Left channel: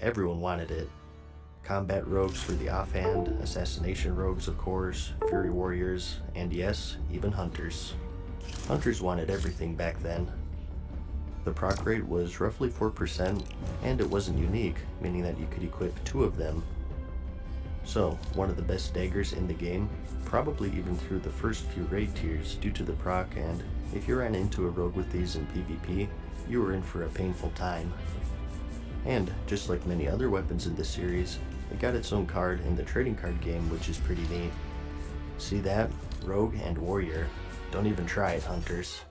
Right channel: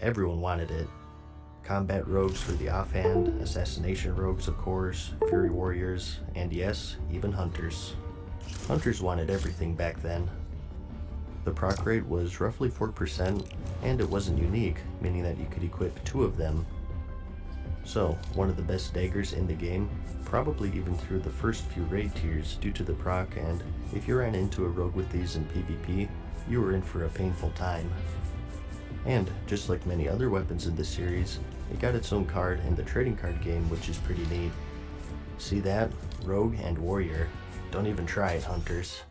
everyone wanted it. Combat rogues for the offhand, assassination rogues of course, fury warriors, and yes, even hunters. Hunters wanted everything back then. The proc rate was roughly 4%, and it wasn't unique, meaning that you could equip 2 of them. So, one of the best daggers in the game, probably even through the first few raid tiers due to the proc, and if you ran into a rogue with these in PvP, you were in for a painful time. And, just like many other weapons in the series, it got its own card in the trading card game, which is pretty neat. See that? Rogue and Warrior. Don't even try it, hunters.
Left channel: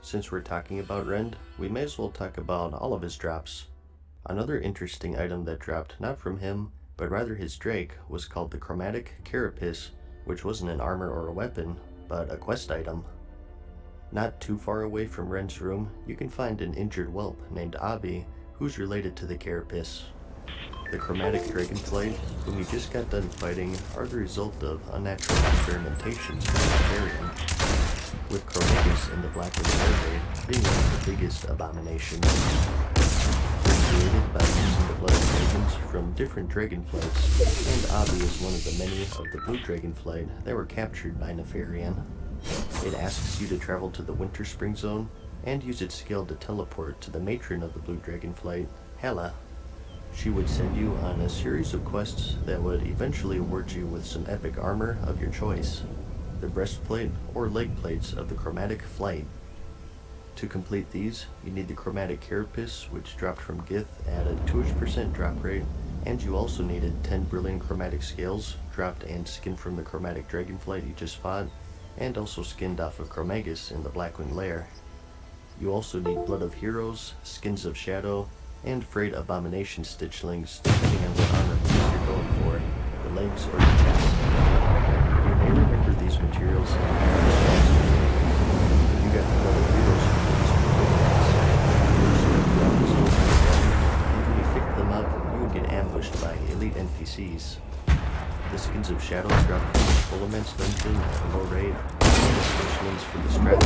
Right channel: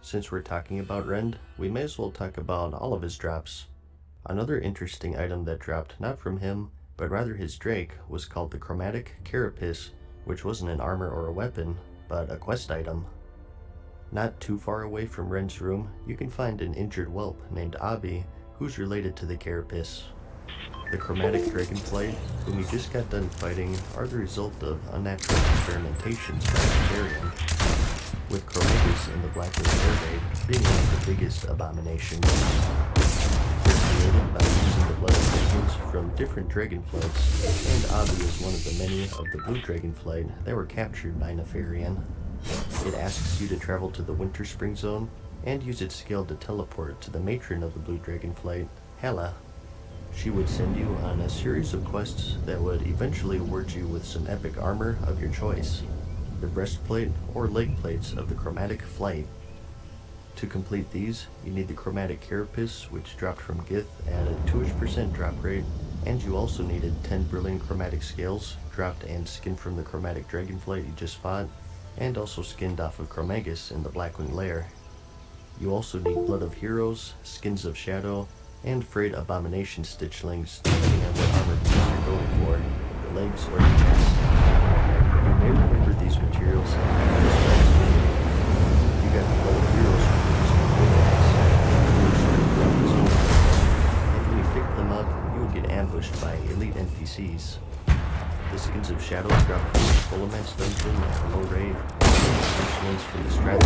Since we're talking about Rend, we may as well talk about all of his drops. Another interesting item that dropped not from him, but rather his Drake, was called the Chromatic Carapace, which wasn't an armor or a weapon, but a quest item. Not too far away from Rend's room, you can find an injured whelp named Abi, who's related to the Carapace. The Chromatic Dragonflight, whom you just got done fighting, are the result of unnatural experimentations by Hyperion, with Chromagus in the Blackwing Air Raid being one of the biggest abominations. They're created by using the blood of dragons from different dragonflights, and Abi is one of the many of the blue dragonflight that were captured by Nefarian. It asks you to travel to the Winter Spring Zone and use its skill to teleport to the matron of the blue dragonflight, Hela. She would send you on a series of quests that would eventually award you with some epic armor of your choice, the breastplate or leg plates of the Chromatic Flight. To complete these, you need the Chromatic Carapace, which dropped from Gith at a 2% drop rate, and you also needed 10 brilliant chromatic scales, dropped and skinned from the Chromatic Dragonflight you just fought, and also skinned off of Chromagus in the Blackwing Lair. You also need Blood of Heroes, Skins of Shadow, and Frayed Abomination Stitchlings, depending on what armor piece you're going for, the legs or the chest. You may remember these materials in this last video. You got the Blood of Heroes from using and when you pick them up, you will get ambushed by elite NPCs. The Skins of Shadow drop from the Fullamen's dungeon at a low rate, and the Stitchlings from the Strat.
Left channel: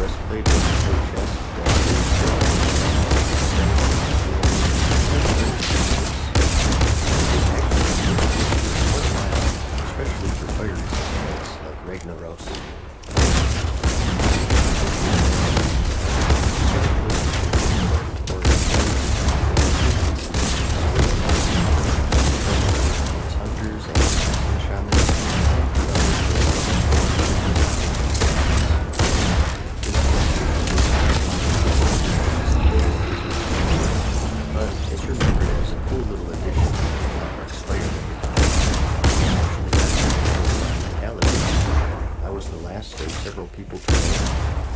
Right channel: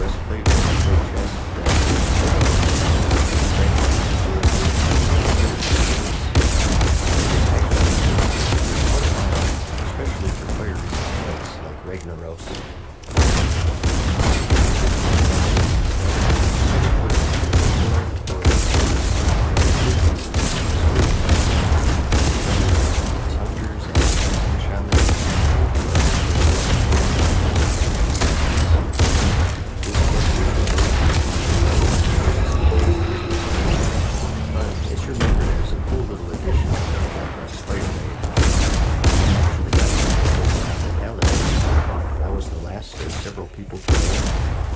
Breastplate and the chest especially for fire resistance like Ragnaros.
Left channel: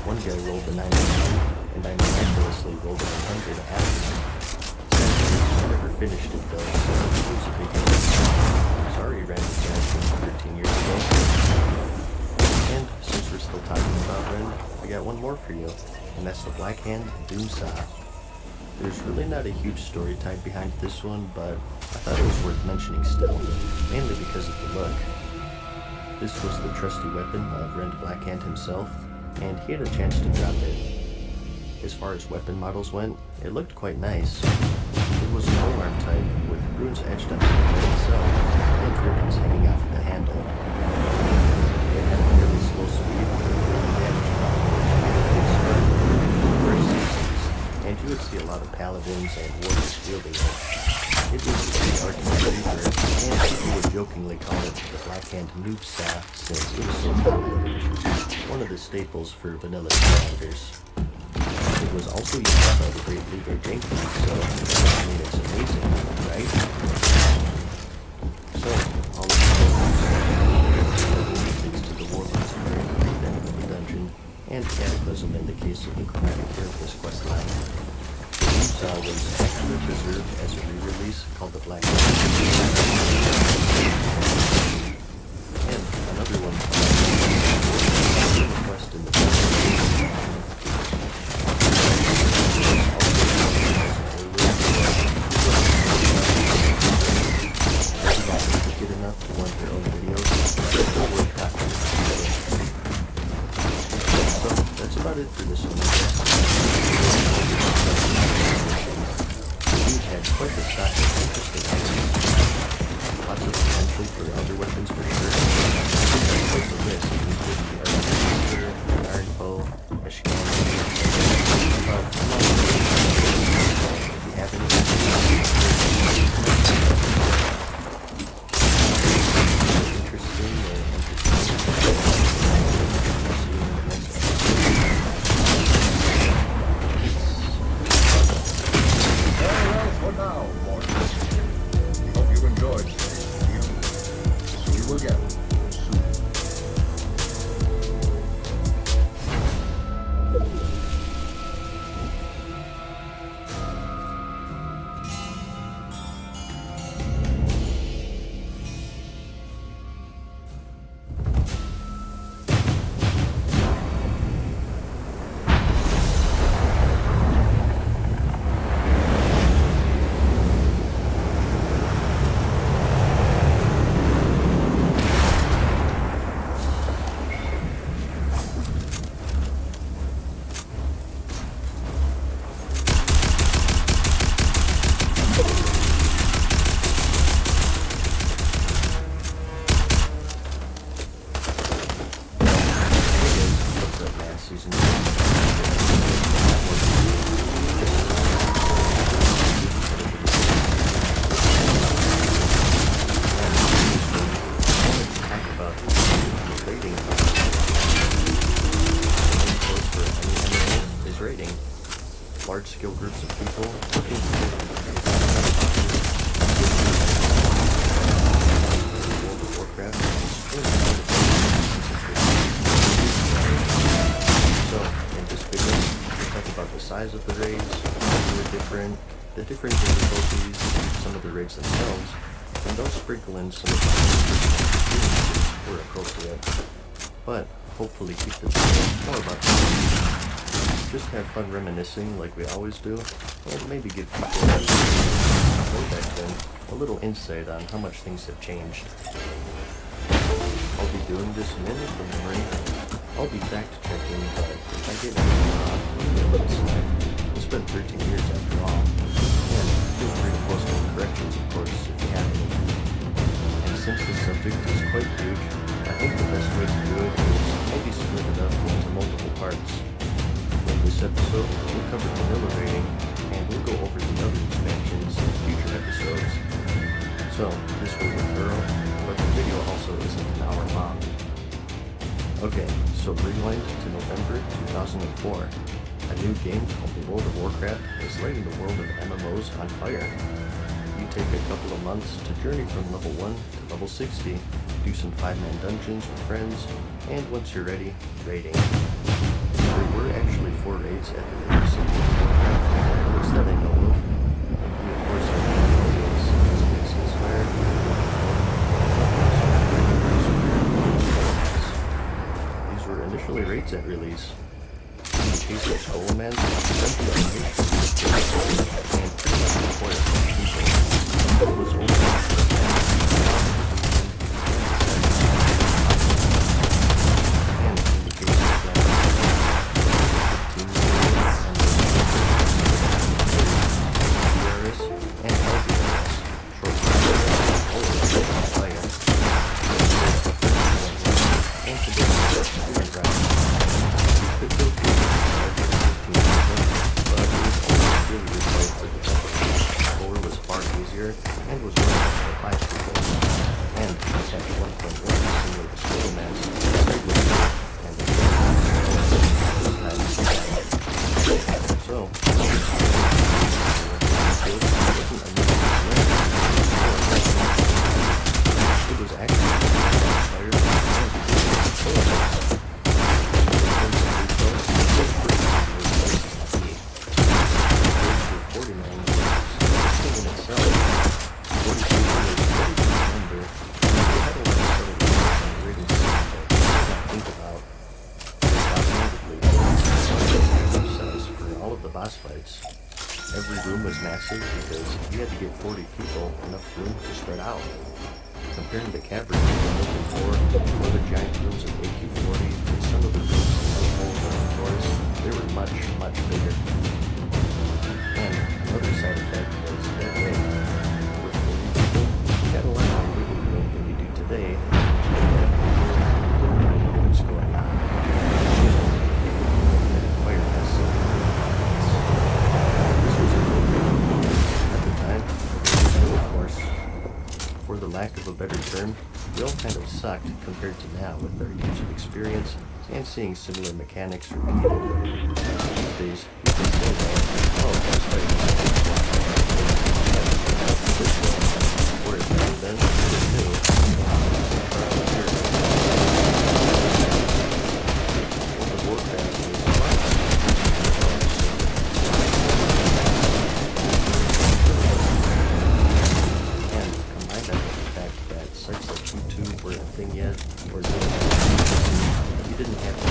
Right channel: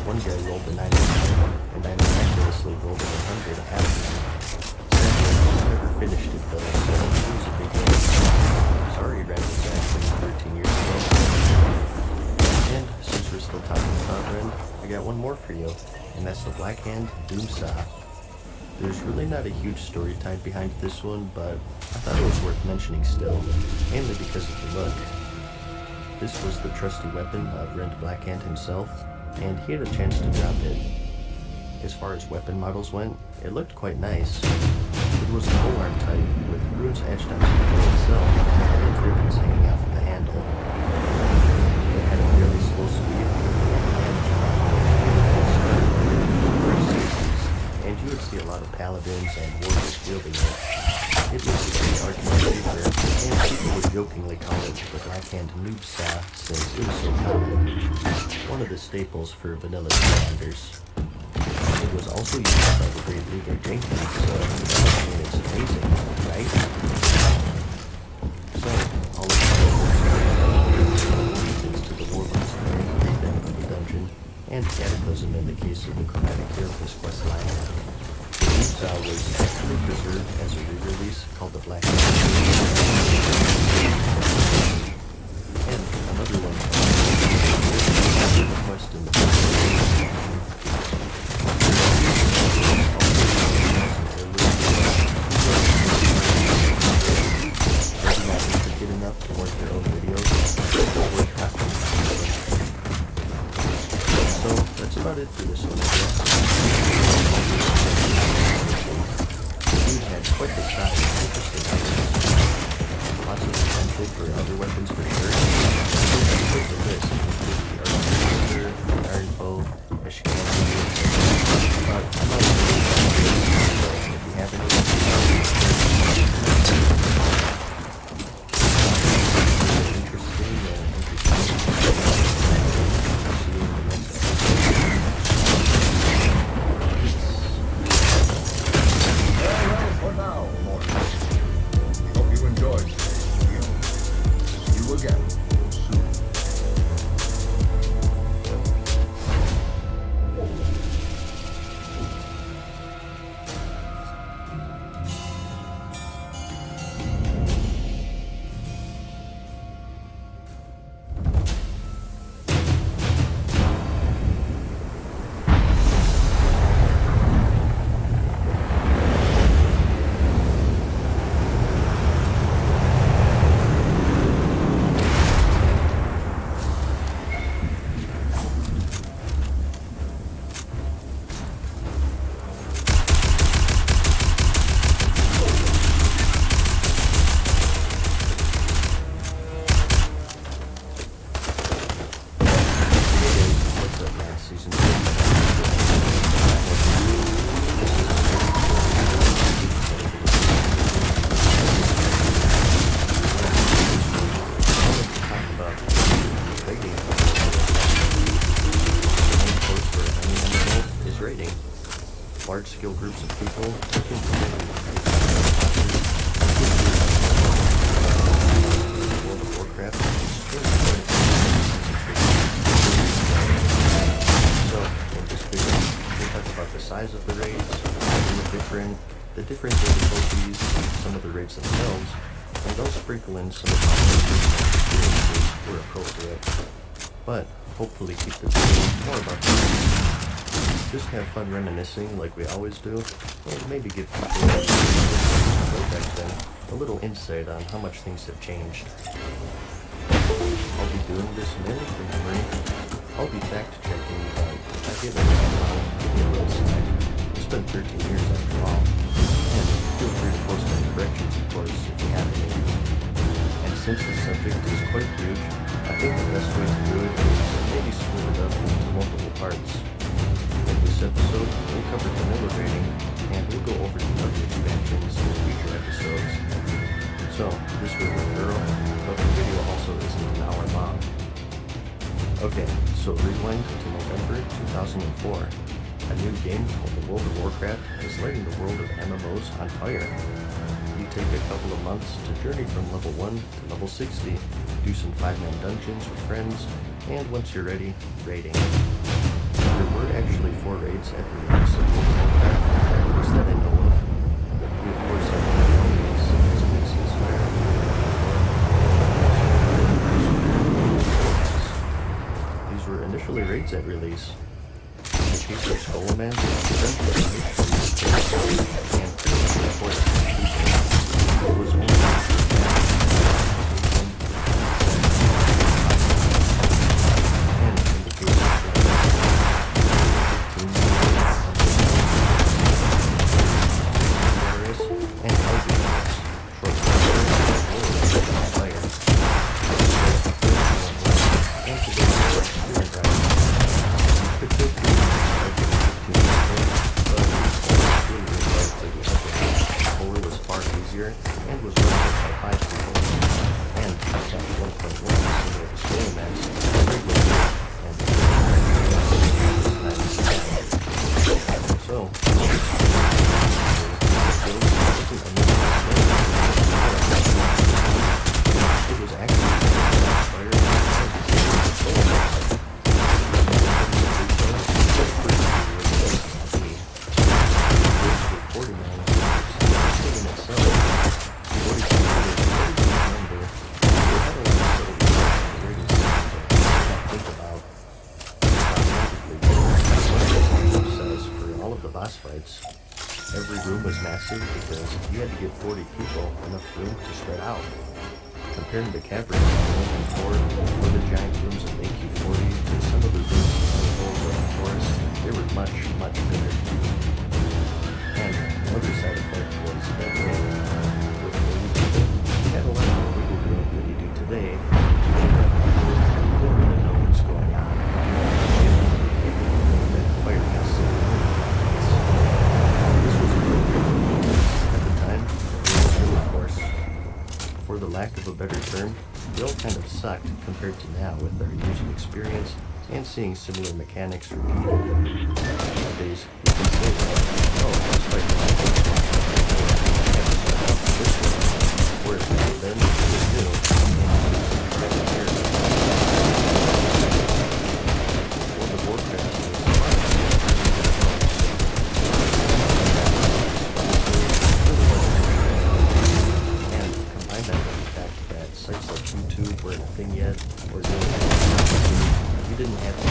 One guy rolled a 99, and I miraculously rolled a 100 after. Sadly, never finished it though, so it was a big deal. Sorry, Rend was actually 13 years ago. And since we're still talking about Rend, I got one more for you, and that's the Blackhand Doomsaw. There's really not a huge story tied behind this one, but I thought it was worth mentioning still, mainly because of the look. This was the trusty weapon of Rend Blackhand himself, and he had a chance to drop it. As far as weapon models went, it looked quite nice. It was a polearm type, with runes etched onto the blade itself, and ribbons hanging off the handle. It had a fairly slow speed, and you would see a lot of paladins and warriors wielding it. It was a great argument favorite, and people would jokingly call it the Blackhand Noob Saw since it was so common. One of the staples for vanilla commanders. It was also used by the great Lugar Jenkins, so I mean it's amazing, right? So, all of the reasons to the Warlords of the the dungeon, and Cataclysm in the case of the Chromatic Carapace questline. The Noob was actually preserved as a re-release called the Black and another one quest in the get enough to want their own videos. So that's about it for this one, I guess. raiding. Large-scale groups of people looking for World of Warcraft. So, in this video, we'll talk about the size of the raids, the different difficulties, some of the raids themselves, and I'll sprinkle in some of the experiences where appropriate. But hopefully keep this video more about just have fun reminiscing like we always do, and maybe give people who back then a little insight on how much things have changed. I'll be doing this mainly from memory. I'll be fact-checking, but if I get anything wrong, give me a little slack. It's been 13 years after all. And feel free to post any corrections, of course, if you have any. And since the subject is quite huge, I think the best way to do it is maybe split it up into multiple parts. In this episode, we'll cover vanilla raiding, and we'll go over the other expansions in future episodes. So, this will be thorough, but the video also isn't an hour long. Okay, so rewind to November 2004. A new game called the World of Warcraft is lighting the world of MMOs on fire. You take a couple of months to journey from level 1 to level 60, do some 5-man dungeons with friends, and once you're ready, raiding. There were actually 4 raids at the release of World of Warcraft, at least that I know of. We of course have these were initially raids at release. Chief of Skullman, eventually and pretty much reported it was only Every room was massive because you had to get 40 people enough room to spread out. Compared to the caverns looking for other giant rooms in AQ40 and some of the rooms in the whole forest, they were much, much bigger. And another side effect was that rain. With 40 people, you had a lot more wiggle room than you do today. You didn't really know what was going on. For the lack of a better term, we all kind of sucked compared to now with our years of experience and seeing similar mechanics repeated. These days, you can say, oh, it's like whereas back then, it was new. World of Warcraft was sites like YouTube weren't a thing yet, or you didn't have to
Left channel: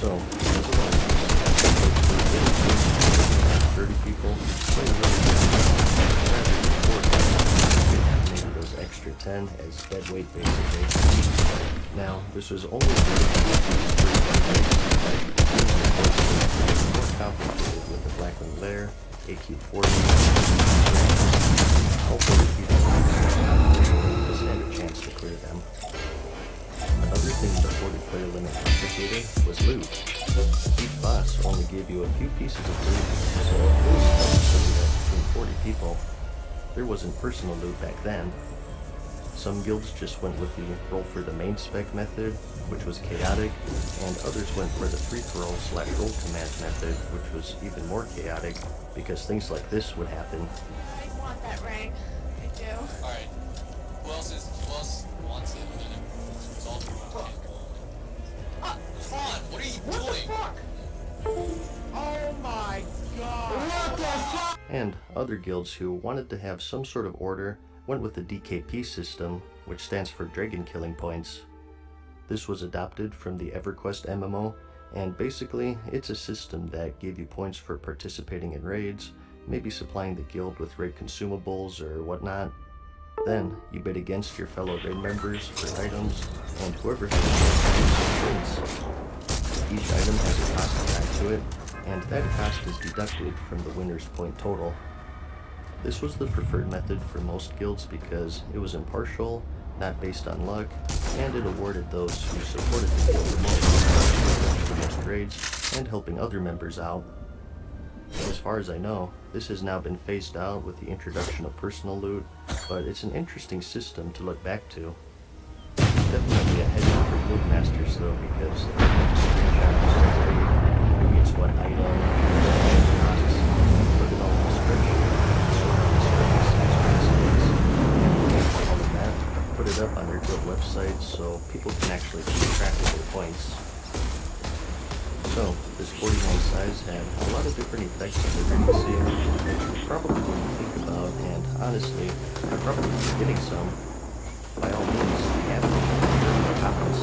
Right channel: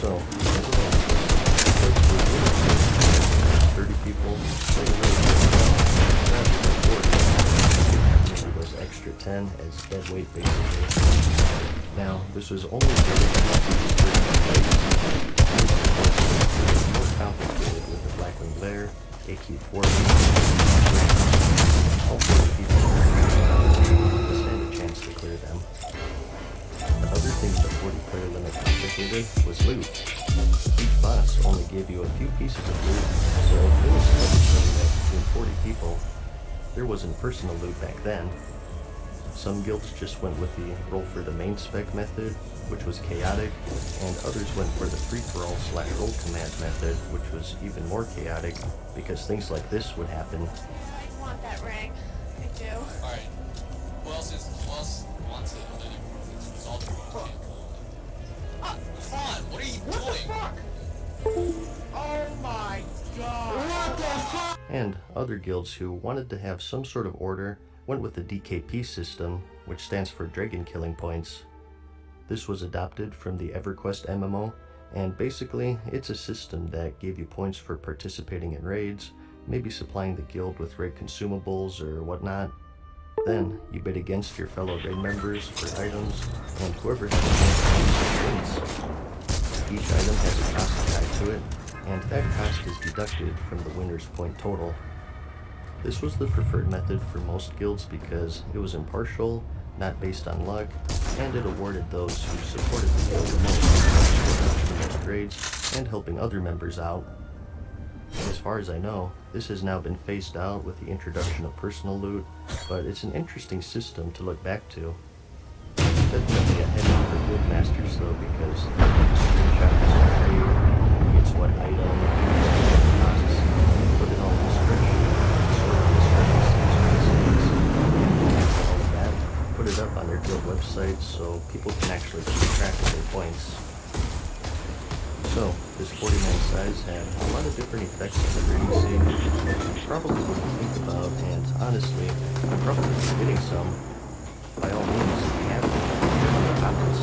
so, 30 people, maybe those extra 10 as dead weight basically. Now, this was only very more complicated with the Blackwing Lair, AQ40, all 40 people just had a chance to clear them. Another thing the 40-player limit complicated was loot. Each boss only gave you a few pieces of loot, so it was tough to that between 40 people. There wasn't personal loot back then. Some guilds just went with the roll for the main spec method, which was chaotic, and others went for the free-for-all / roll commands method, which was even more chaotic, because things like this would happen. I want that ring. I do. Alright. Who else wants it? It's all Fawn, what are you doing? Oh my god! What the fuck? And other guilds who wanted to have some sort of order went with the DKP system, which stands for Dragon Killing Points. This was adopted from the EverQuest MMO, and basically it's a system that gave you points for participating in raids, maybe supplying the guild with raid consumables or whatnot. Then you bid against your fellow raid members for items, and whoever has the most wins. Each item has a cost tied to it, and that cost is deducted from the winner's point total. This was the preferred method for most guilds because it was impartial, not based on luck, and it awarded those who supported the guild the most, the best raids, and helping other members out. As far as I know, this has now been phased out with the introduction of personal loot, but it's an interesting system to look back to. Definitely a headache for guild masters though, because they have to screenshot who gets what item, costs, put it all in a spreadsheet, sort all the circumstances, and all of that, put it up on their guild website so people can actually keep track of their points. So, this 49 size had a lot of different effects on the frequency, which you probably wouldn't think about, and honestly, I'm probably forgetting some. By all means, I have to comments.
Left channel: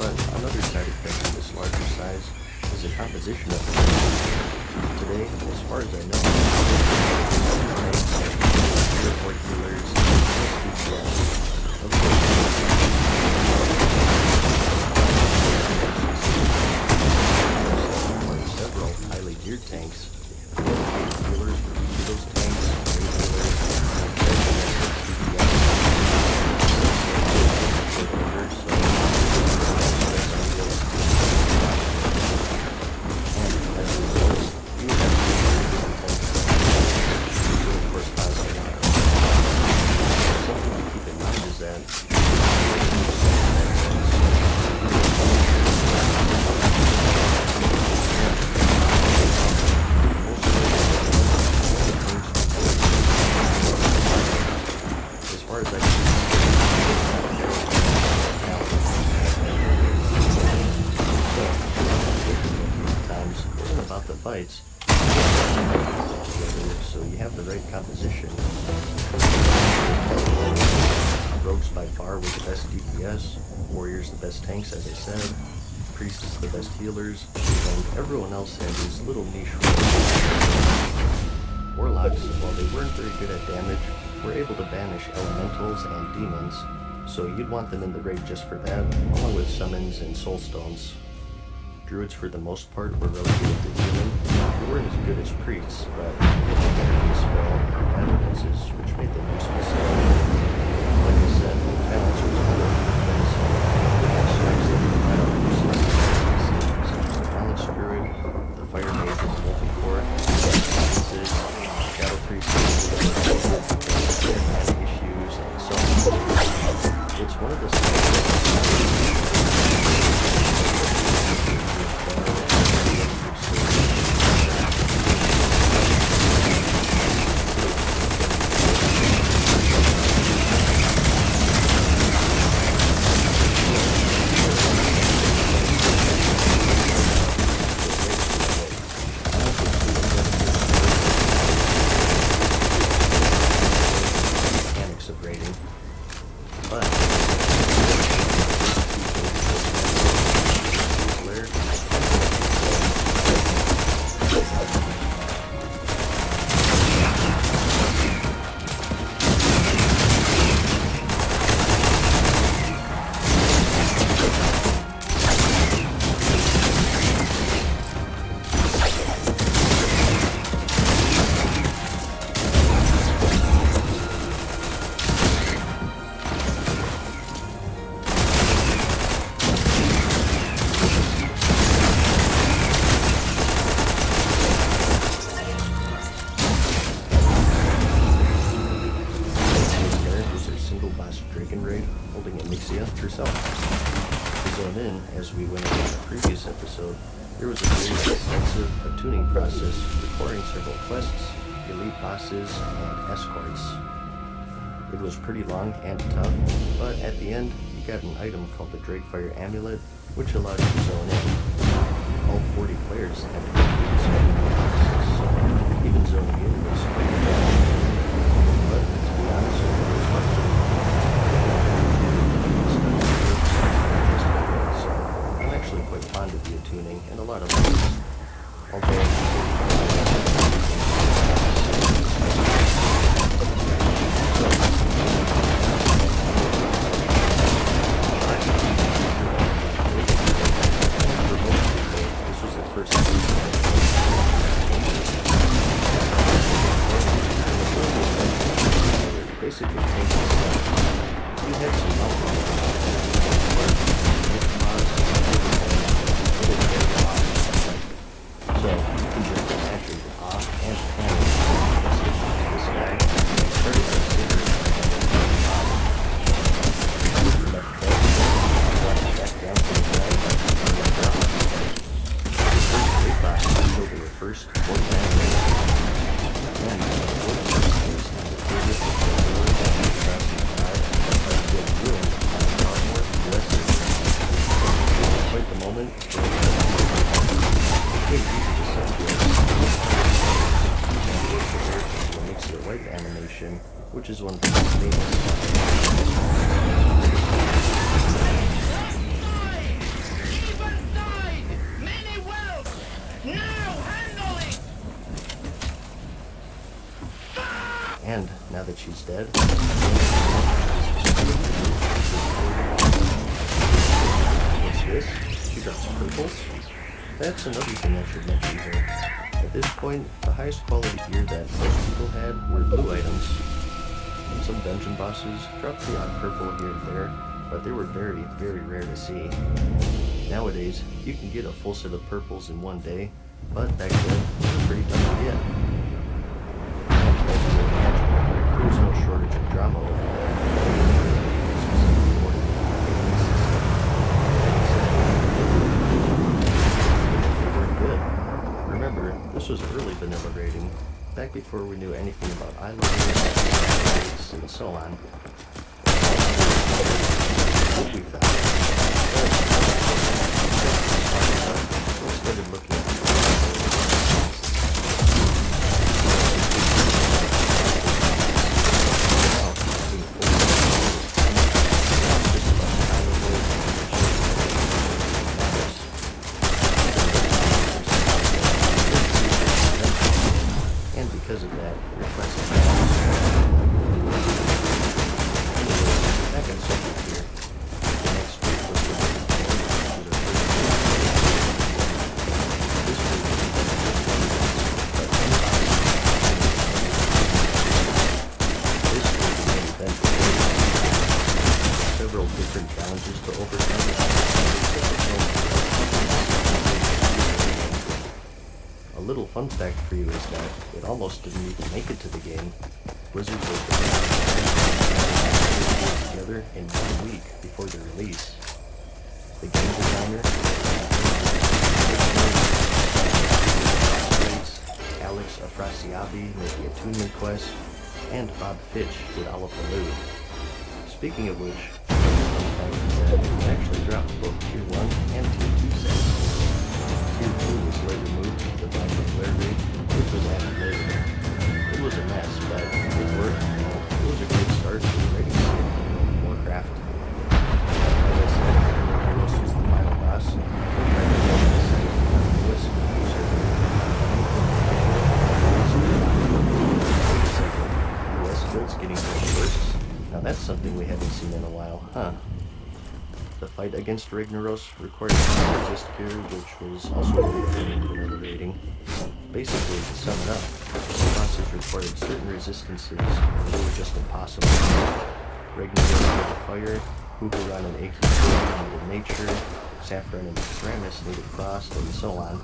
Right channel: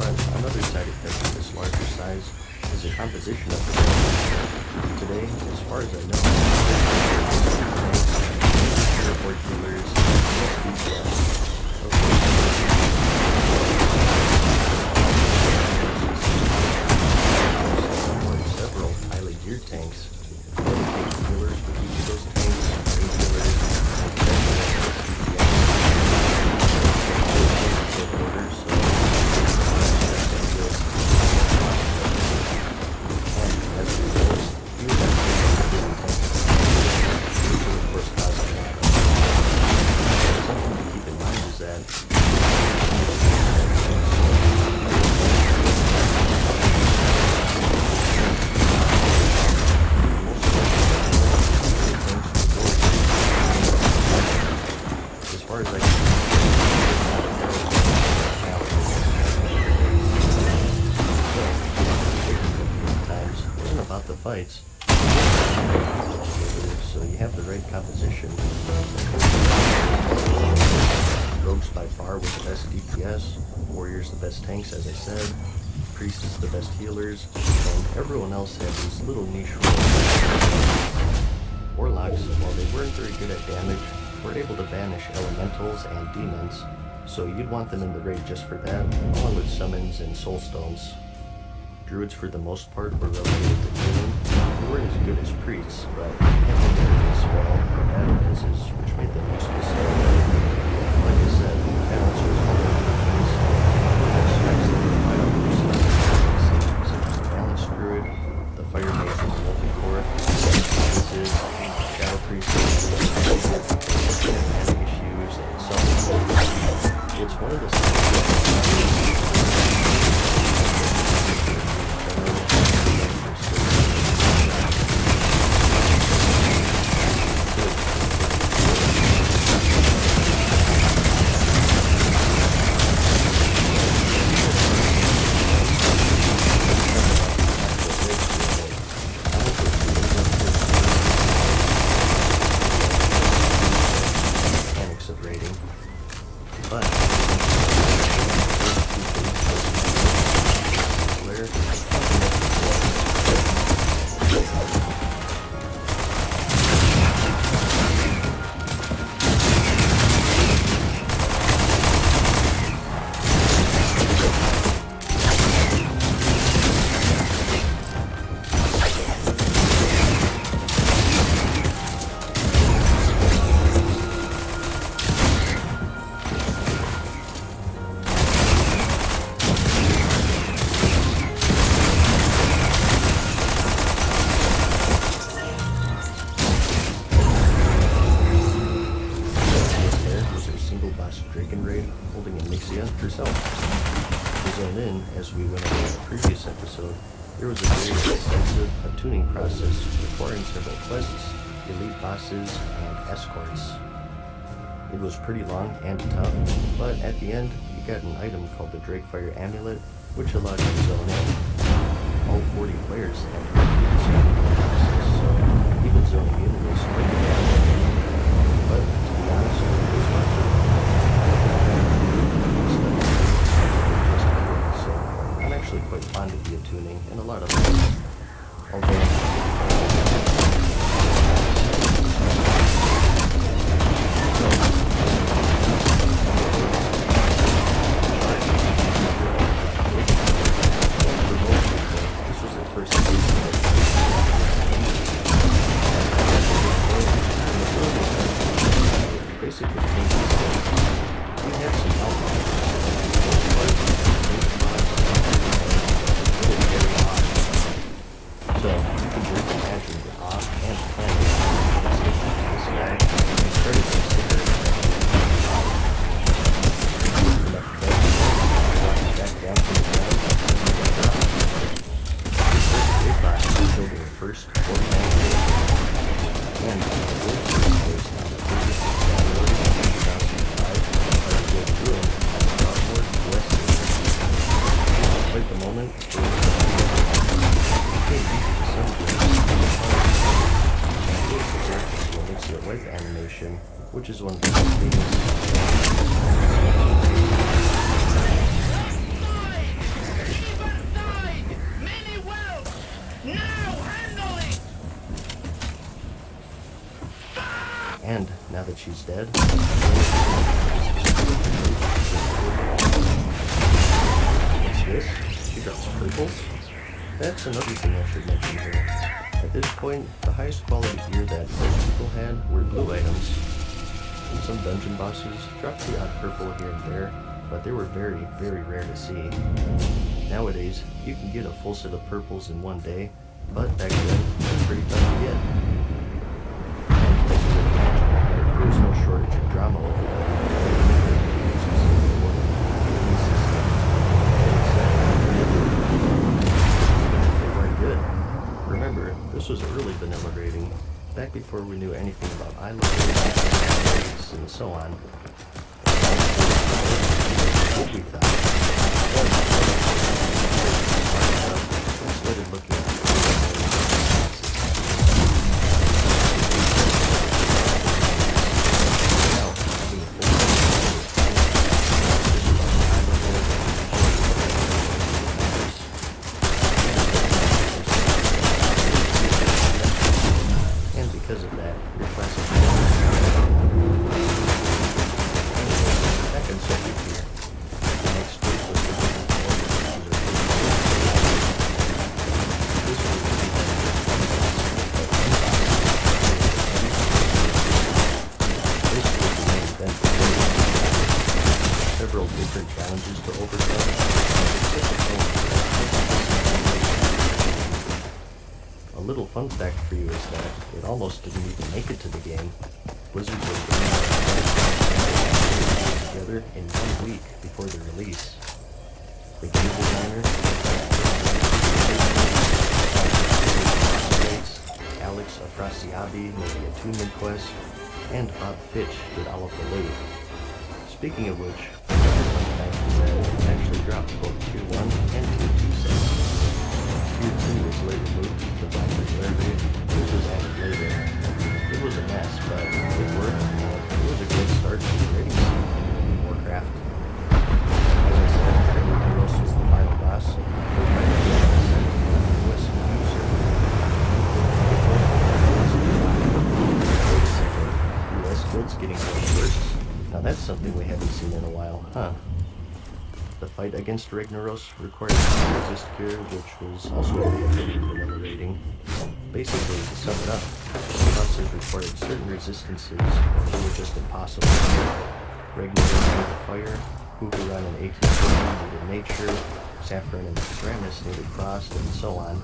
But another side effect of this larger size is the composition of the guild. Today, as far as I know, airport dealers, several highly geared tanks. Healers for each of those tanks, range healers, fights, so you have the right composition. Rogues by far with the best DPS, warriors the best tanks as I said, priests the best healers, and everyone else had these little niche roles. Warlocks, while they weren't very good at damage, were able to banish elementals and demons, so you'd want them in the raid just for that, along with summons and soulstones. Druids for the most part were relegated to healing. They weren't as good as priests, but they had better spell and battle pieces, which made them useful. Like I said, that also was one of the defense strikes that you fight on uses, such as the Balance Druid, the Fire Mage with the Multicore, Provinces, Shadow Priests, Cinematic issues, and so on. It's one of the To zone in, as we went over the previous episode, there was a very extensive tuning process requiring several quests, elite bosses, and escorts. It was pretty long and tough, but at the end, you got an item called the Drakefire Amulet, which allowed you to zone in. All 40 players had to complete this process, so even zoning in was quite a challenge. But to be honest, it was fun. So I'm actually quite fond of the tuning in a lot of ways. Basically, we had some outlaws. So you can just imagine the awe and panic this guy started to consider back down to the ground and drop. The first big boss will be your first 49 days. And the world is not the biggest quite the moment. Makes the wipe animation, which is one of the most famous. And now that she's dead, what's this? She drops purples? That's another thing I should mention here. At this point, the highest quality gear that most people had were blue items. And some dungeon bosses dropped the odd purple here and there, but they were very, very rare to see. Nowadays, you can get a full set of purples in one day, but back then, it was pretty tough to get. And as you would imagine, there was no shortage of drama over there. Remember, this was early vanilla rating, back before we knew anything about eye levels, and so on. What we thought. But we started looking at because of that, your class is back in subject here. The next week was the several different challenges to overcome. A little fun fact for you is that it almost didn't even make it to the game. Blizzard was together in 1 week before the release. The game designer, Alex Afrasiabi made the attunement quest, and Bob Fitch did all of the loot. Speaking of which, fun fact is that it actually dropped both Tier 1 and Tier 2 sets. Tier 2 was later moved to the popularity, which was added later. It was a mess, but it worked. It was a great start to the rating scene in Warcraft. As I said, Heroes was the final boss. US guilds getting killed first. Now that's something we haven't seen in a while, huh? The fight against Ragnaros required a resist cure, which was also a big thing to another rating. Basically, to sum it up, the bosses required certain resistances, or they were just impossible. Ragnaros needed fire, Huhuran and Akisor needed nature, Saffron and Extramus needed frost, and so on.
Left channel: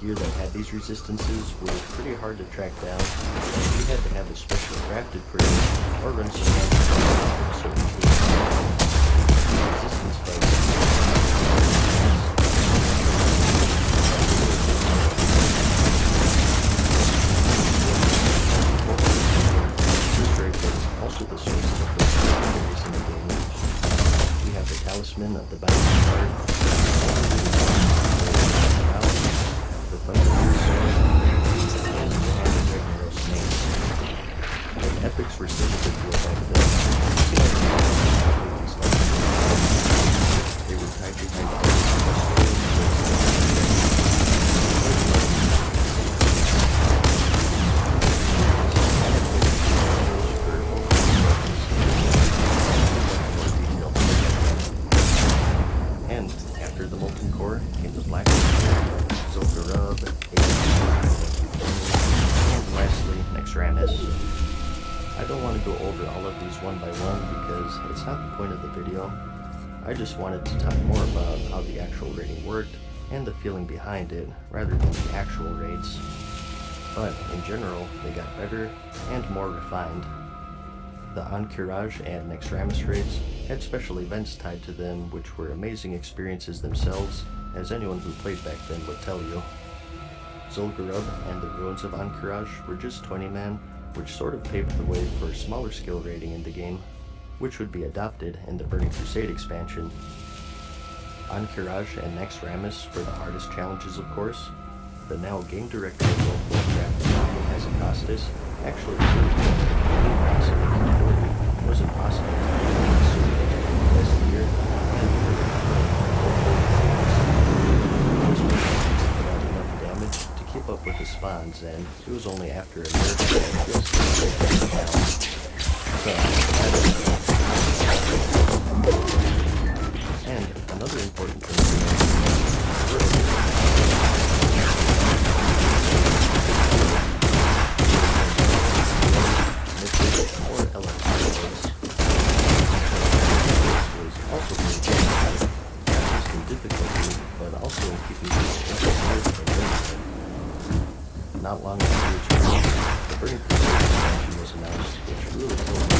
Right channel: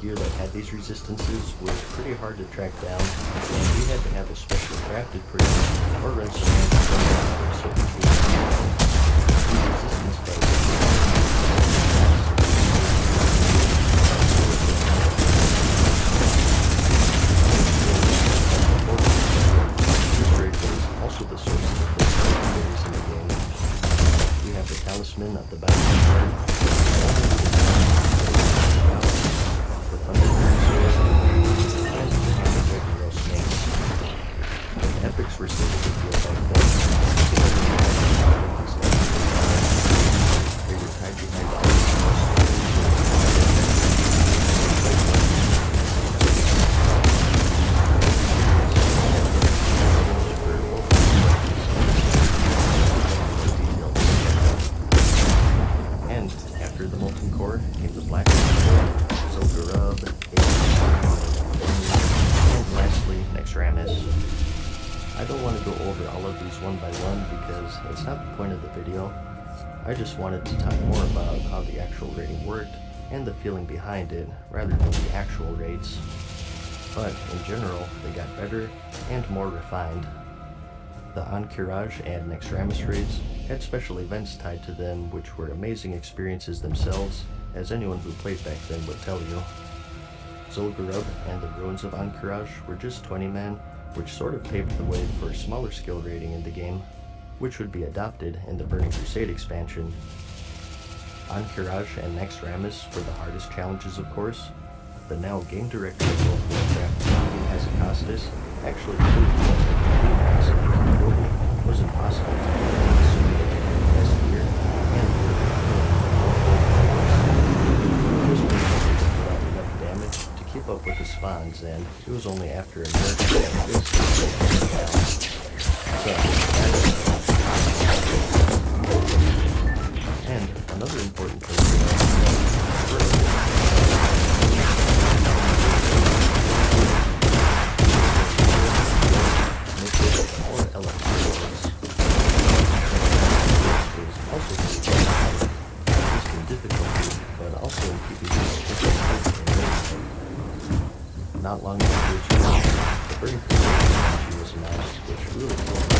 Gear that had these resistances was pretty hard to track down, and you had to have a special crafted prison or run some certain resistance fight. This raid was also the source of the first legendaries in the game. We have the Talisman of the Battle card, the Thunderbird Sword, and the Regular Snake. When epics were simple to feel like this, they were tied behind the and after the Molten Core came the Black Zolgarub, and lastly, Nexramis. I don't want to go over all of these one by one because it's not the point of the video. I just wanted to talk more about how the actual raiding worked and the feeling behind it rather than the actual raids. But in general, they got better and more refined. The Encourage and Nexramis raids had special events tied to them which were amazing experiences themselves, as anyone who played back then would tell you. Zul'Gurub and the Ruins of Encourage were just 20-man, which sort of paved the way for smaller skill rating in the game, which would be adopted in the Burning Crusade expansion. Encourage and Nexramis were the hardest challenges, of course. The now game director of World of Warcraft, Hazakostas, actually proved that the commands and capability was impossible to do, assuming that you had the best gear and the was put out enough damage to keep up with the spawns, and it was only after a nerf that this was down. So, and another important thing to know not long after its release, the Burning Crusade expansion was announced, which really killed the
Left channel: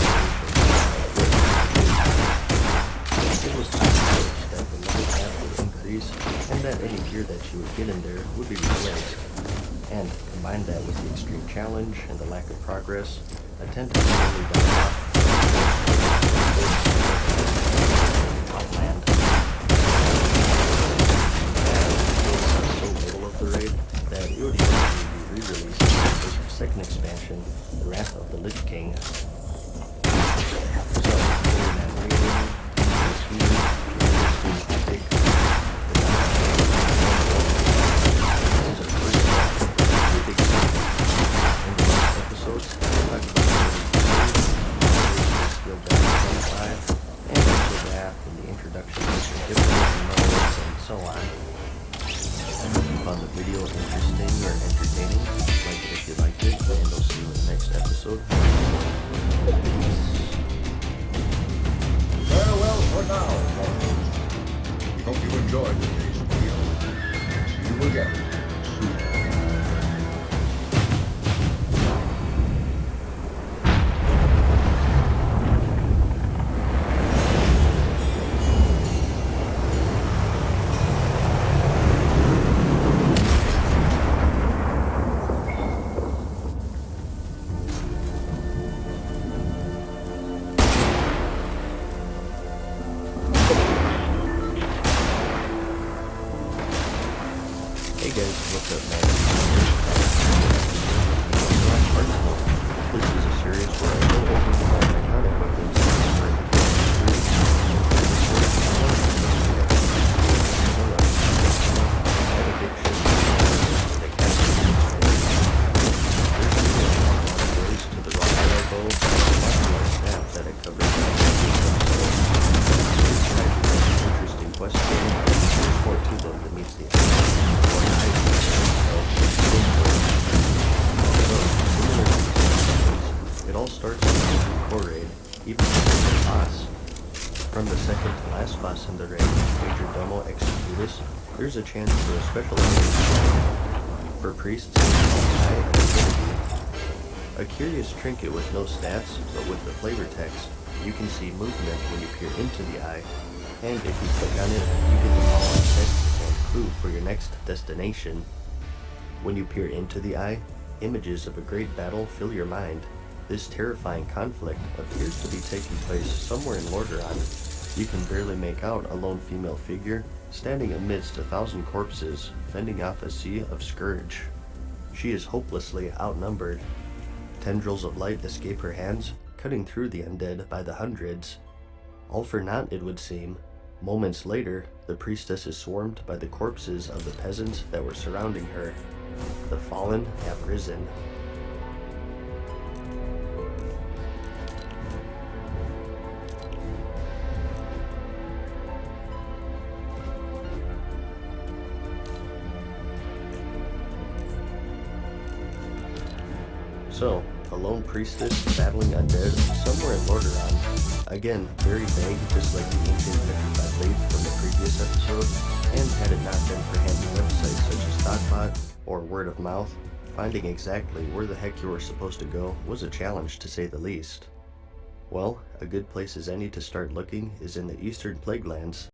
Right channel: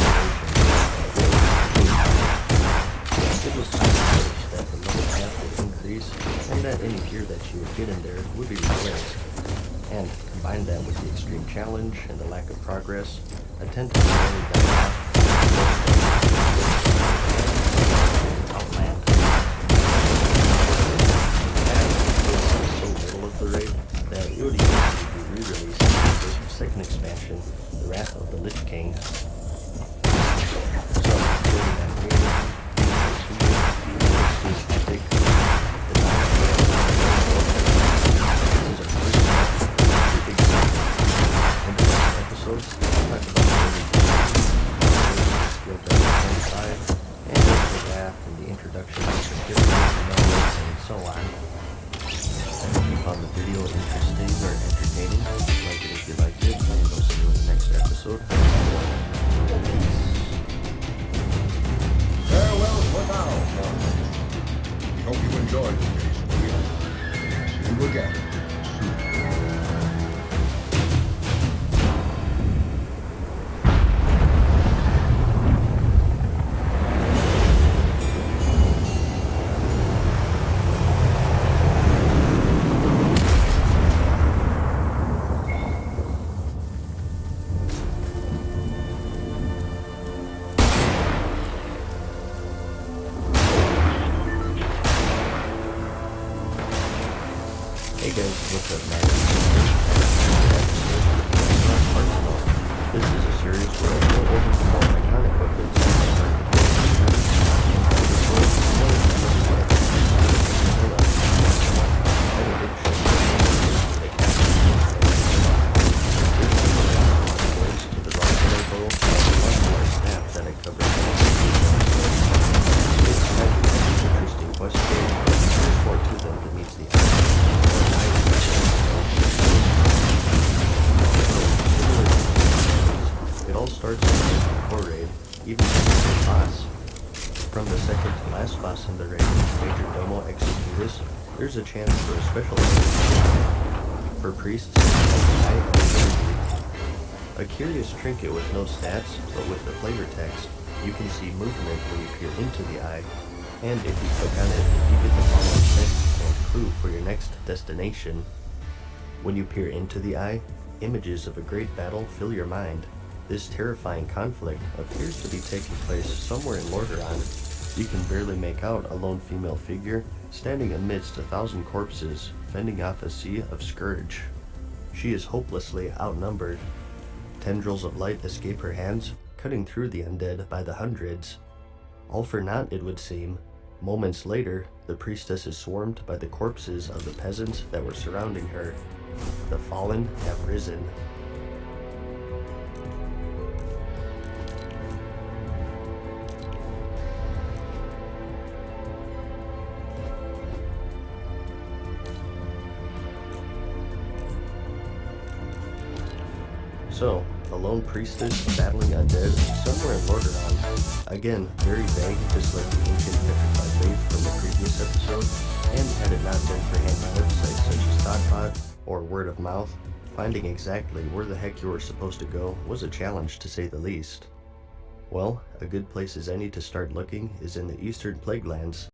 It was time to notice that the level cap would increase, and that any gear that you would get in there would be replaced. And combine that with the extreme challenge and the lack of progress, a 10 times only died off. Outland. So middle of the raid that it would even re-released the second expansion, The Wrath of the Lich King. So, found the video interesting or entertaining, like it if you liked it, and I'll see you in the next episode. Peace. Farewell for now, folks. Hope you enjoyed today's video. See you again soon. Hey guys, what's up, man? This is a series where I go over all my iconic weapons interesting question. There's more to them than meets the eye. It all starts with the core raid, even the boss. From the second to last boss in the raid, Major Domo Executus, there's a chance for a special for priests a curious trinket with no stats, but with the flavor text, you can see movement when you peer into the eye. And if you click on it, you get the following text and clue for your next destination. When you peer into the eye, images of a great battle fill your mind. This terrifying conflict appears to be taking place somewhere in Lordaeron. You can barely make out a lone female figure standing amidst 1,000 corpses, fending off a sea of scourge. She is hopelessly outnumbered. Tendrils of light escape her hands, cutting through the undead by the hundreds. All for naught, it would seem. Moments later, the priestess is swarmed by the corpses of the peasants that were surrounding her. The fallen have risen. So, a lone priestess battling undead somewhere in Lordaeron. Again, very vague, just like the ancient petrified faith from the previous episode, and had it not been for handy websites such as Thoughtbot or word of mouth, finding exactly where the heck you were supposed to go was a challenge to say the least. Well, a good place as any to start looking is in the Eastern Plaguelands.